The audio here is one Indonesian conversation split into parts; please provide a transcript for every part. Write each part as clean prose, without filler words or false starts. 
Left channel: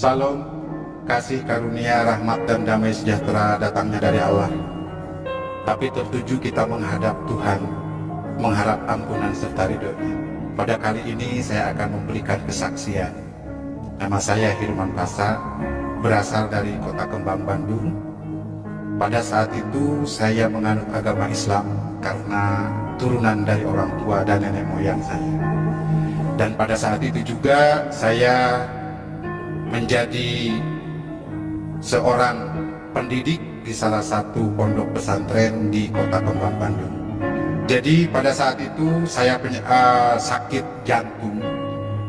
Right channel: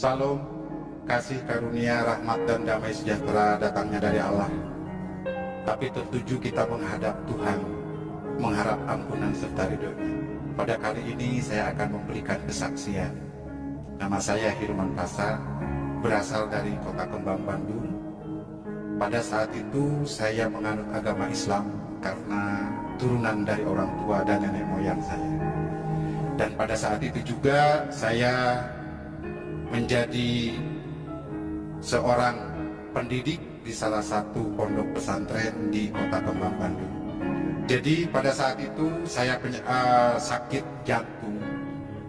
Salam, kasih karunia, rahmat dan damai sejahtera datangnya dari Allah. Tapi tertuju kita menghadap Tuhan, mengharap ampunan serta ridho-Nya. Pada kali ini saya akan memberikan kesaksian. Nama saya Hirman Pasa, berasal dari Kota Kembang, Bandung. Pada saat itu saya menganut agama Islam karena turunan dari orang tua dan nenek moyang saya. Dan pada saat itu juga saya menjadi seorang pendidik di salah satu pondok pesantren di Kota Kembang, Bandung. Jadi pada saat itu saya sakit jantung,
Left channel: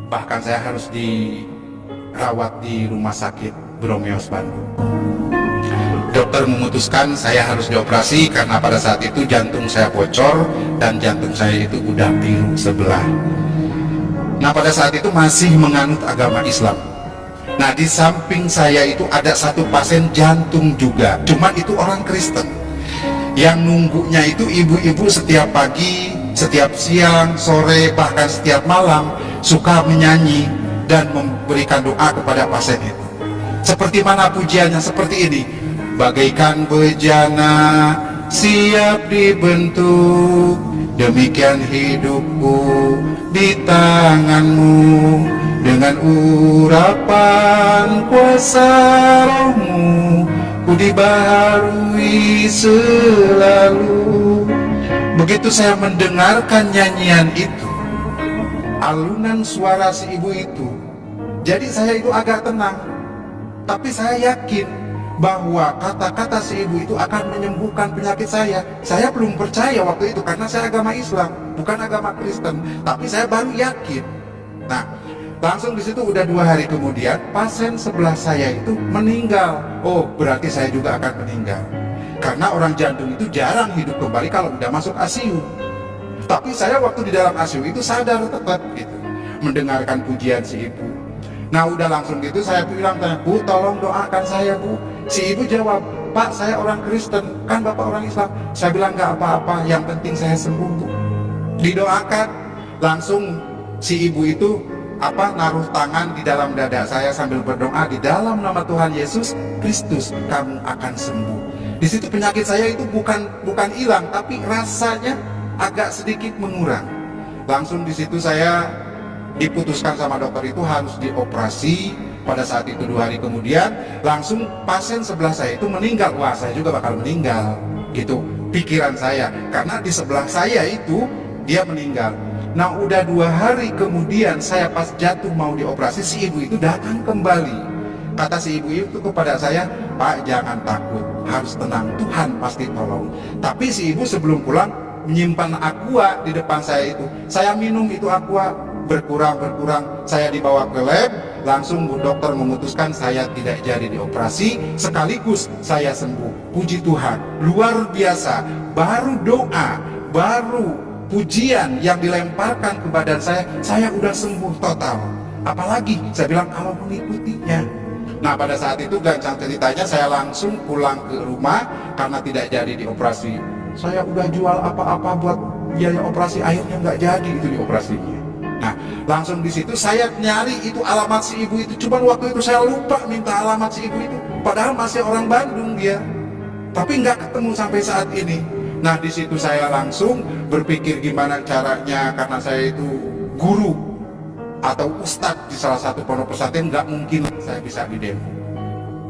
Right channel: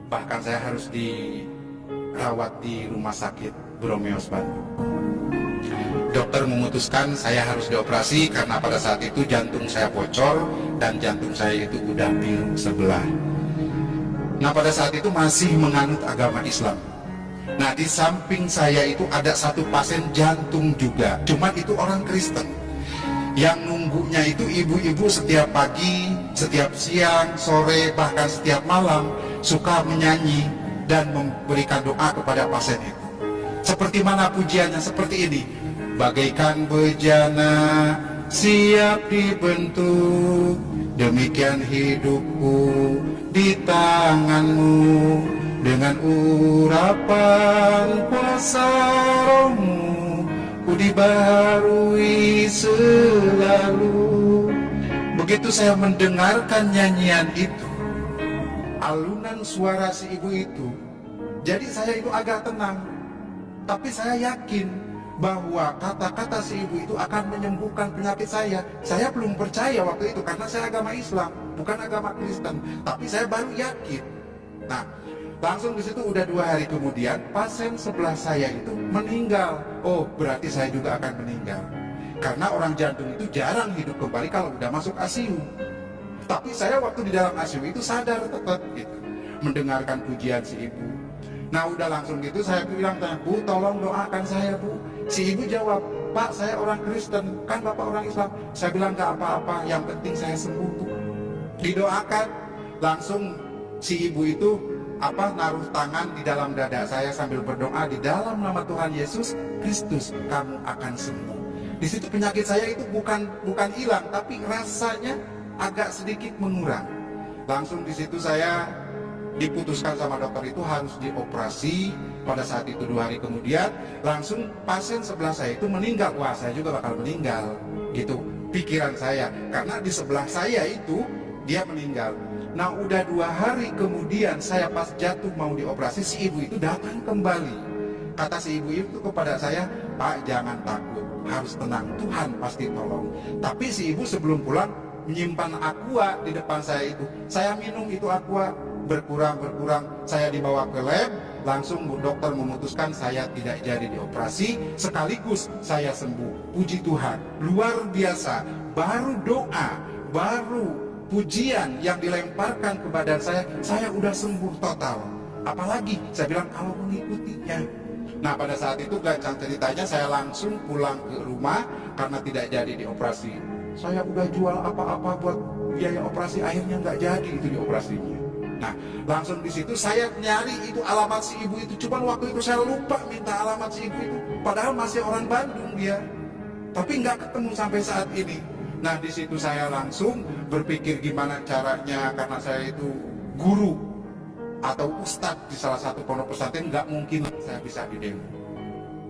bahkan saya harus dirawat di rumah sakit Bromeos, Bandung. Dokter memutuskan saya harus dioperasi karena pada saat itu jantung saya bocor dan jantung saya itu udah biru sebelah. Nah, pada saat itu masih menganut agama Islam. Nah, di samping saya itu ada satu pasien jantung juga, cuman itu orang Kristen. Yang nunggunya itu ibu-ibu setiap pagi, setiap siang, sore, bahkan setiap malam suka menyanyi dan memberikan doa kepada pasien itu. Seperti mana pujiannya? Seperti ini: bagaikan bejana siap dibentuk, demikian hidupku di tanganmu, dengan urapan kuasa rohmu ku dibaharui selalu. Begitu saya mendengarkan nyanyian itu, alunan suara si ibu itu, jadi saya itu agak tenang. Tapi saya yakin bahwa kata-kata si ibu itu akan menyembuhkan penyakit saya. Saya belum percaya waktu itu karena saya agama Islam, bukan agama Kristen. Tapi saya baru yakin. Nah, langsung di situ udah 2 hari kemudian pasien sebelah saya itu meninggal. Oh, berarti saya juga akan meninggal. Karena orang jantung itu jarang hidup kembali kalau udah masuk ICU. Tapi saya waktu di dalam ICU itu sadar tetap gitu, mendengarkan pujian si ibu. Nah, udah langsung gitu saya bilang, "Bu, tolong doakan saya, Bu." Si ibu jawab, "Pak, saya orang Kristen, kan Bapak orang Islam." Saya bilang, "Gak apa-apa, yang penting saya sembuh, Bu." Didoakan, langsung si ibu itu naruh tangan di dalam dada saya sambil berdoa, "Di dalam nama Tuhan Yesus Kristus kamu akan sembuh." Di situ penyakit saya itu bukan hilang, tapi rasanya agak sedikit mengurang. Langsung di situ saya diputuskan sama dokter itu harus dioperasi. Pada saat itu 2 hari kemudian langsung pasien sebelah saya itu meninggal. Wah, saya juga bakal meninggal gitu pikiran saya, karena di sebelah saya itu dia meninggal. Nah, udah 2 hari kemudian saya pas jatuh mau dioperasi, si ibu itu datang kembali. Kata si ibu itu kepada saya, "Pak, jangan takut, harus tenang, Tuhan pasti tolong." Tapi si ibu sebelum pulang menyimpan aqua di depan saya itu. Saya minum itu aqua, berkurang, saya dibawa ke lab. Langsung dokter memutuskan saya tidak jadi dioperasi, sekaligus saya sembuh. Puji Tuhan, luar biasa. Baru doa, baru pujian yang dilemparkan ke badan saya udah sembuh total. Apalagi saya bilang kalau mengikutinya. Nah, pada saat itu gancang ceritanya saya langsung pulang ke rumah karena tidak jadi dioperasi. Saya udah jual apa-apa buat biaya operasi, akhirnya nggak jadi itu dioperasinya. Nah, langsung di situ saya nyari itu alamat si ibu itu. Cuman waktu itu saya lupa minta alamat si ibu itu. Padahal masih orang Bandung dia. Tapi nggak ketemu sampai saat ini. Nah, di situ saya langsung berpikir gimana caranya, karena saya itu guru atau ustadz di salah satu pondok pesantren, nggak mungkin saya bisa didemo.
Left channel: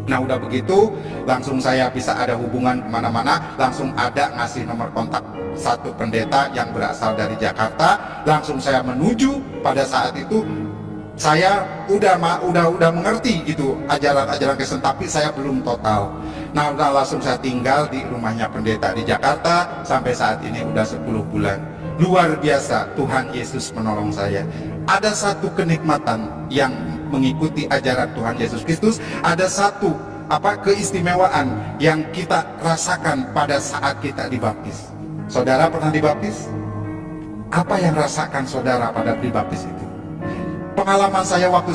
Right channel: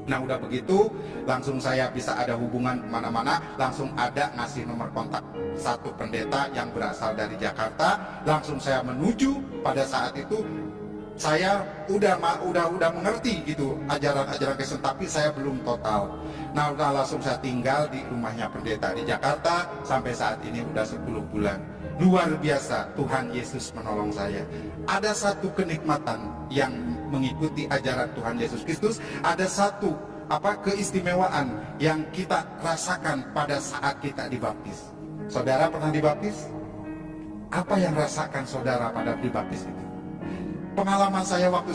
Nah, udah begitu langsung saya bisa ada hubungan kemana-mana, langsung ada ngasih nomor kontak satu pendeta yang berasal dari Jakarta. Langsung saya menuju. Pada saat itu saya udah mengerti gitu ajaran-ajaran Kristen, tapi saya belum total. Nah, udah langsung saya tinggal di rumahnya pendeta di Jakarta sampai saat ini udah 10 bulan. Luar biasa, Tuhan Yesus menolong saya. Ada satu kenikmatan yang mengikuti ajaran Tuhan Yesus Kristus. Ada satu keistimewaan yang kita rasakan pada saat kita dibaptis. Saudara pernah dibaptis? Apa yang rasakan saudara pada dibaptis itu? Pengalaman saya waktu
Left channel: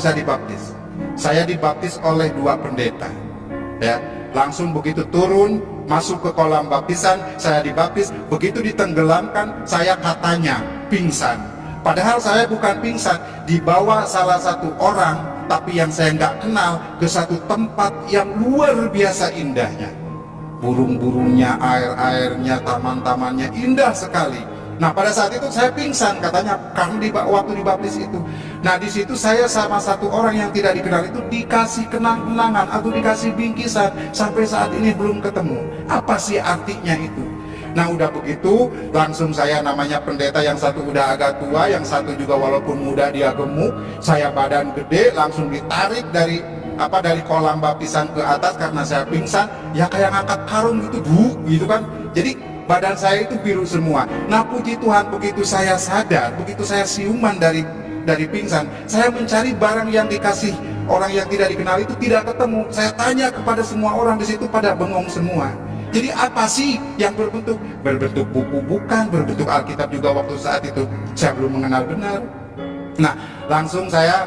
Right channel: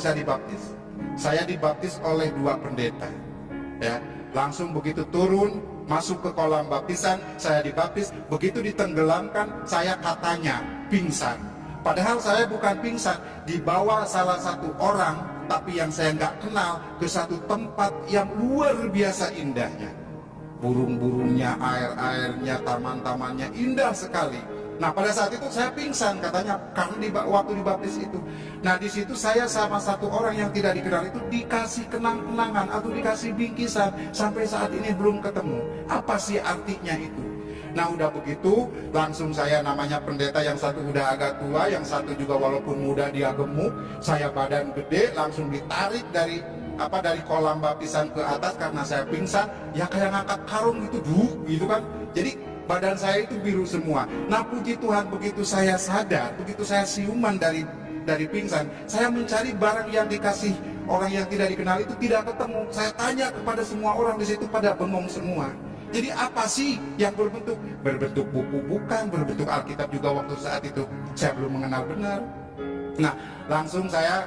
saya dibaptis oleh 2 pendeta. Ya, langsung begitu turun masuk ke kolam baptisan, saya dibaptis. Begitu ditenggelamkan, saya katanya pingsan. Padahal saya bukan pingsan, dibawa salah satu orang tapi yang saya nggak kenal, ke satu tempat yang luar biasa indahnya. Burung-burungnya, air-airnya, taman-tamannya indah sekali. Nah, pada saat itu saya pingsan katanya karena waktu dibaptis itu. Nah, di situ saya sama satu orang yang tidak dikenal itu dikasih kenang-kenangan atau dikasih bingkisan, sampai saat ini belum ketemu. Apa sih artinya itu? Nah, udah begitu langsung saya, namanya pendeta yang satu udah agak tua, yang satu juga walaupun muda dia gemuk, saya badan gede, langsung ditarik dari kolam baptisan ke atas karena saya pingsan, ya kayak ngangkat karung gitu kan. Jadi badan saya itu biru semua. Nah, puji Tuhan, begitu saya sadar, begitu saya siuman dari pingsan, saya mencari barang yang dikasih orang yang tidak dikenal itu, tidak ketemu. Saya tanya kepada semua orang di situ, pada bengong semua. Jadi apa sih yang berbentuk buku? Bukan, berbentuk Alkitab juga waktu saat itu saya belum mengenal benar. Nah, langsung saya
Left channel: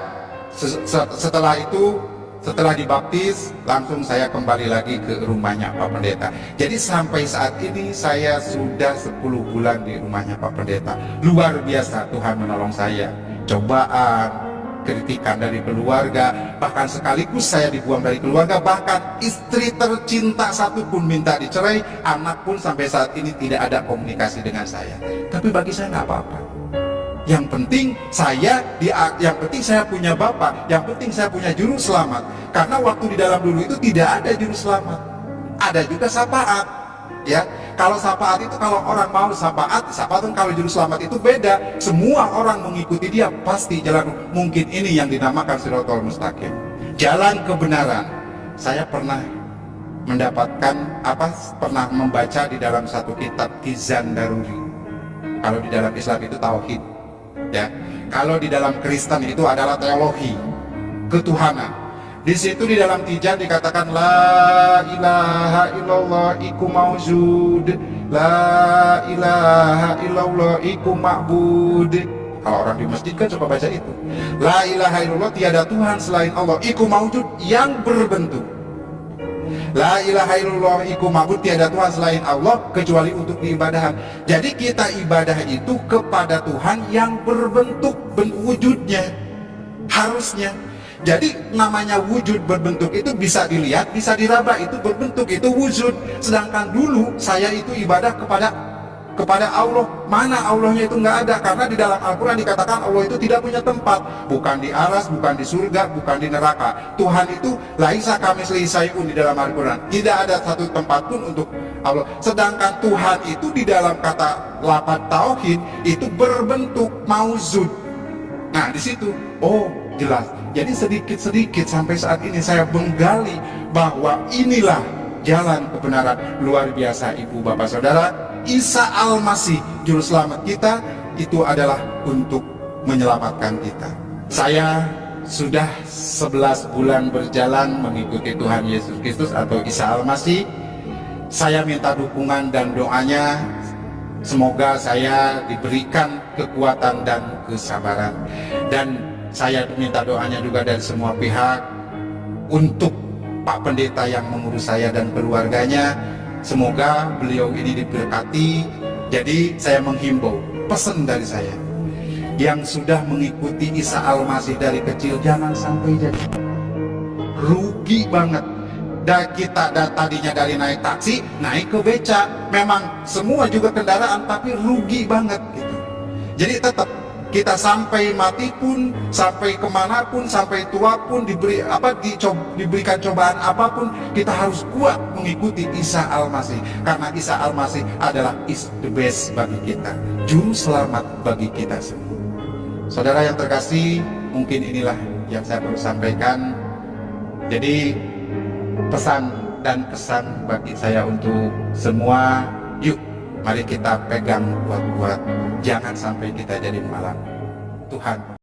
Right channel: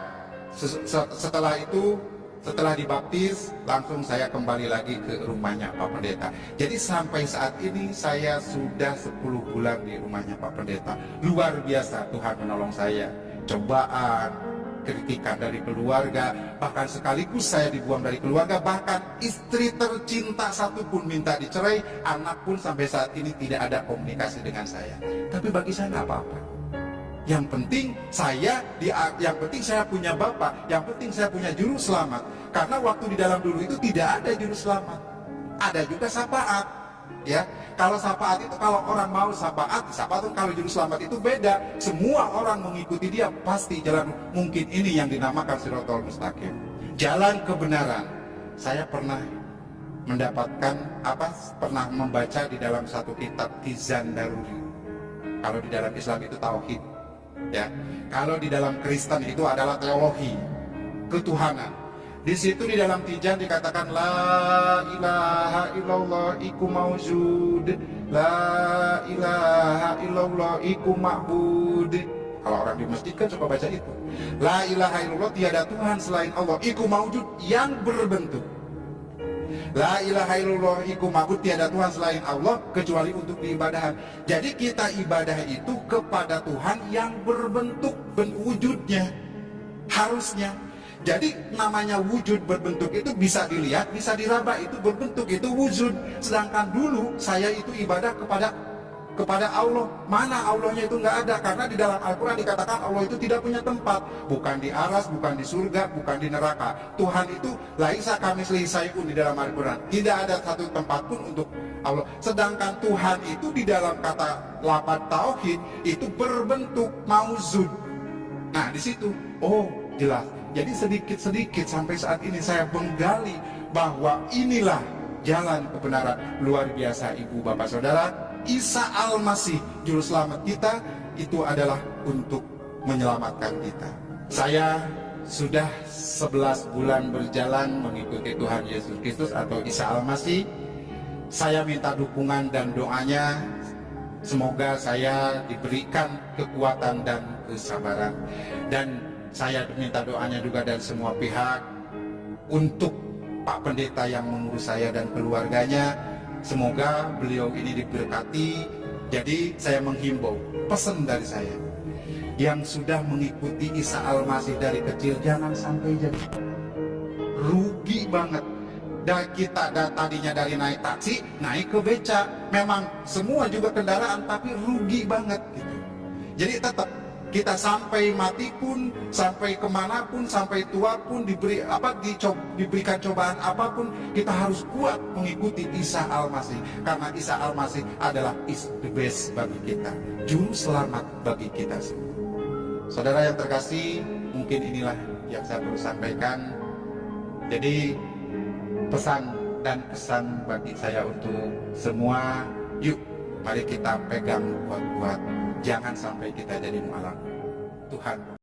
setelah dibaptis, langsung saya kembali lagi ke rumahnya Pak Pendeta. Jadi sampai saat ini saya sudah 10 bulan di rumahnya Pak Pendeta. Luar biasa, Tuhan menolong saya. Cobaan, kritikan dari keluarga, bahkan sekaligus saya dibuang dari keluarga, bahkan istri tercinta satu pun minta dicerai, anak pun sampai saat ini tidak ada komunikasi dengan saya. Tapi bagi saya nggak apa-apa. Yang penting saya punya Bapak, yang penting saya punya juru selamat. Karena waktu di dalam dulu itu tidak ada juru selamat, ada juga syafaat. Ya, kalau syafaat itu kalau orang mau syafaat kan, kalau juru selamat itu beda. Semua orang mengikuti dia pasti jalan. Mungkin ini yang dinamakan Shirathul Mustaqim, jalan kebenaran. Saya pernah pernah membaca di dalam satu kitab Tizan Daruri. Kalau di dalam Islam itu tauhid. Ya, kalau di dalam Kristen itu adalah teologi ketuhanan. Di situ di dalam Tijan dikatakan la ilaha illallah iku maujud, la ilaha illallah iku ma'bud. Kalau orang di masjid kan suka baca itu. La ilaha illallah, tiada Tuhan selain Allah, iku maujud, yang berbentuk. La ilaha illallah iku ma'bud, tiada Tuhan selain Allah kecuali untuk diibadahan. Jadi kita ibadah itu kepada Tuhan yang berbentuk, wujudnya harusnya. Jadi namanya wujud berbentuk itu bisa dilihat, bisa diraba, itu berbentuk, itu wujud. Sedangkan dulu saya itu ibadah kepada Allah. Mana Allahnya itu nggak ada, karena di dalam Al-Quran dikatakan Allah itu tidak punya tempat, bukan di aras, bukan di surga, bukan di neraka. Tuhan itu laisa kamitslihi syai'un di dalam Al-Quran, tidak ada satu tempat pun untuk Allah. Sedangkan Tuhan itu di dalam kata lafaz tauhid itu berbentuk mauzud. Nah, di situ jelas. Jadi sedikit-sedikit sampai saat ini saya menggali bahwa inilah jalan kebenaran. Luar biasa, Ibu Bapak Saudara. Isa Al-Masih juru selamat kita itu adalah untuk menyelamatkan kita. Saya sudah 11 bulan berjalan mengikuti Tuhan Yesus Kristus atau Isa Al-Masih. Saya minta dukungan dan doanya, semoga saya diberikan kekuatan dan kesabaran. Dan saya minta doanya juga dari semua pihak untuk Pak Pendeta yang mengurus saya dan keluarganya. Semoga beliau ini diberkati. Jadi saya menghimbau, pesan dari saya, yang sudah mengikuti Isa Al-Masih dari kecil jangan sampai jadi rugi banget. Dan kita tadinya dari naik taksi naik ke beca, memang semua juga kendaraan, tapi rugi banget gitu. Jadi tetap kita sampai mati pun, sampai kemanapun, sampai tua pun, diberikan cobaan apapun, kita harus kuat mengikuti Isa Al-Masih. Karena Isa Al-Masih adalah is the best bagi kita, juru selamat bagi kita semua. Saudara yang terkasih, mungkin inilah yang saya perlu sampaikan. Jadi pesan dan kesan bagi saya untuk semua, yuk mari kita pegang kuat-kuat. Jangan sampai kita jadi malam. Tuhan